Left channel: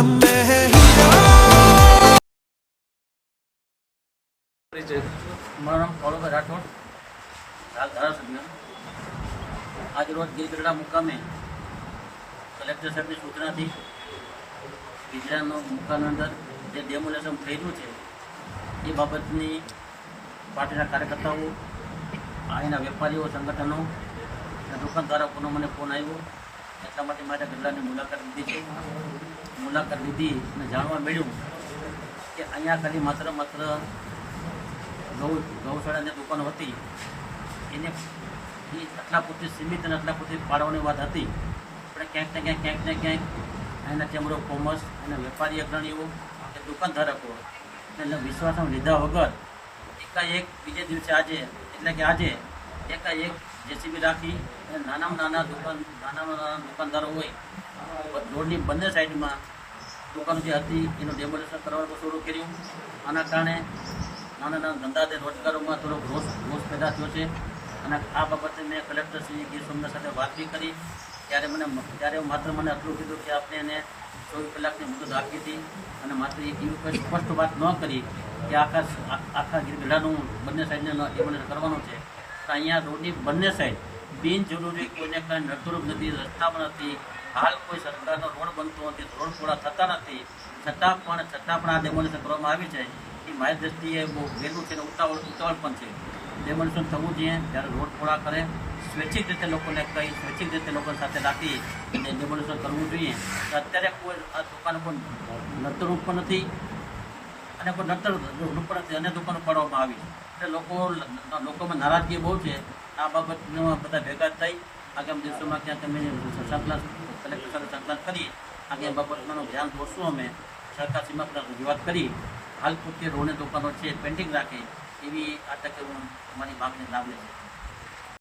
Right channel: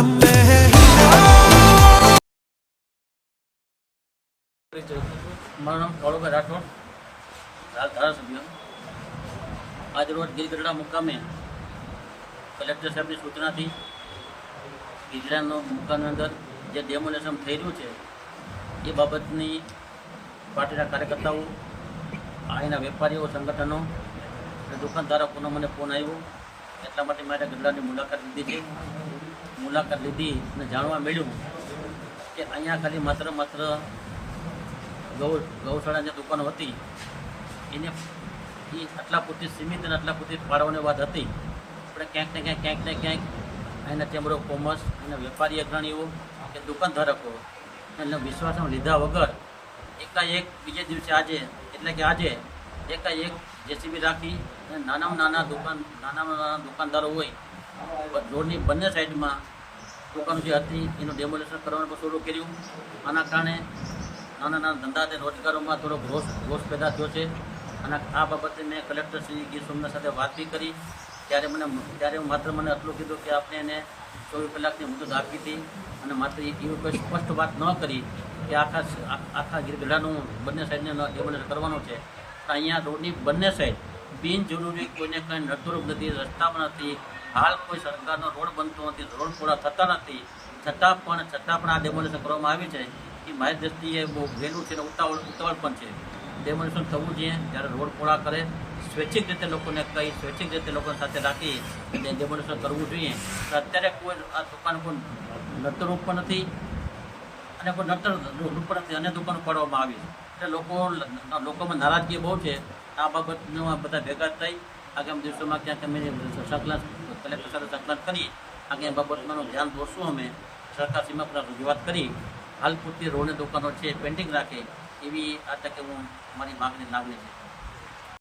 हम में है हीरा। મારું નામ કાળુભાઈ રાઠોડ, હાલ ધારાસભ્ય. આજ રોજ ગીરગઢડા મુકામે કલેક્ટર સાહેબની સૂચનાથી ગીરગઢડાનો મુકામની અંદર જે ડેમોલેશન થઈ રહ્યું છે એ બાબતની પાર્ટીના કાર્યકર્તાઓ, અહીંના વેપારીઓ, સંગઠનો અને દુકાનધારકોનો મને ફોન આવ્યો. એટલા માટે મારે ગઢડાની મુલાકાત લીધી છે. મુલાકાત લીધી અને જાણવા મળ્યું કે અહીંયા ખાલી માત્ર ગૌશાળાની દુકાનો હતી એને એ આટલા પૂરતી સીમિત અને આટલા પૂરતી ફાળવવાની વાત હતી. આપણે ક્યાંક ને ક્યાંક અહીંના ચેમ્બર ઓફ કોમર્સ, અહીંના વેપારી અગ્રણીઓ કે દુકાનધારકો એને વિશ્વાસમાં લીધા વગર એકાએક બીજે દિવસે આજે એકાએક જેસીબી રાખી અને નાના દુકાનદારો હોય રોડની બંને સાઈડમાં દુકાનો જે હતી એનું ડેમોલેશન કરવાનું શરૂ કર્યું. આના કારણે નાના ધંધા અને રોજગારોમાં થોડોક રોષ પેદા થયો છે. અને આ બાબતે મેં કલેક્ટર શ્રી ગીર સોમનાથ સાથે વાત બી કરી. ત્યારે માત્ર મને આટલું કીધું કે આપણે એને 24 કલાકની મુદત આપી હતી અને માત્ર એક એવી કોઈ સ્પષ્ટ વાત ન કરી કે આખા ગીરગઢડાનું બંને સાઈડને ડેમોલેશન કરવાનું છે. તો અહીંયા રોડની બંને સાઈડ બિનજરૂરી કોઈને કાંઈ નડતરૂપ નથી, રસ્તામાં નથી. હાલ કોઈ સરકારનો રોડ બનતો નથી, રોડ પૂરા થતા નથી. છતાં પણ આ ડેમોલેશન કરવામાં આવી છે એ મારી દ્રષ્ટિએ બહુ વહેલું છે અને ઉતાવળ પણ છે. ડેમોલેશન થવું જોઈએ જ્યારે રોડ પૂરા કરે, સ્વૈચ્છિક રીતે લોકોને કહી, સ્વૈચ્છિક રીતે લોકો સાથે રાખી અને ડેમોલેશન કરવું જોઈએ. તો અત્યારે કોઈ આ દુકાનો કોઈ નડતરૂપ પણ નથી અને કોઈ નડતરૂપ પણ નથી અને દુકાનો પાડવામાં આવી. એટલે લોકોમાં નારાજગી બહુ છે. આ બાબતનો બધા ભેગા થઈ આગામી દિવસોમાં ક્યાંક અમે સંકલન કલેક્ટર સાથે સંકલન કરી આગળ બાબતનું ધ્યાન દોરશું. અમે સરકારશ્રીમાં પણ રજૂઆત કરી હાલ પૂરતી રોડની દુકાનો છે પેન્ડિંગ રાખે એવી આ તકે અમારી માગણી લાગણી છે.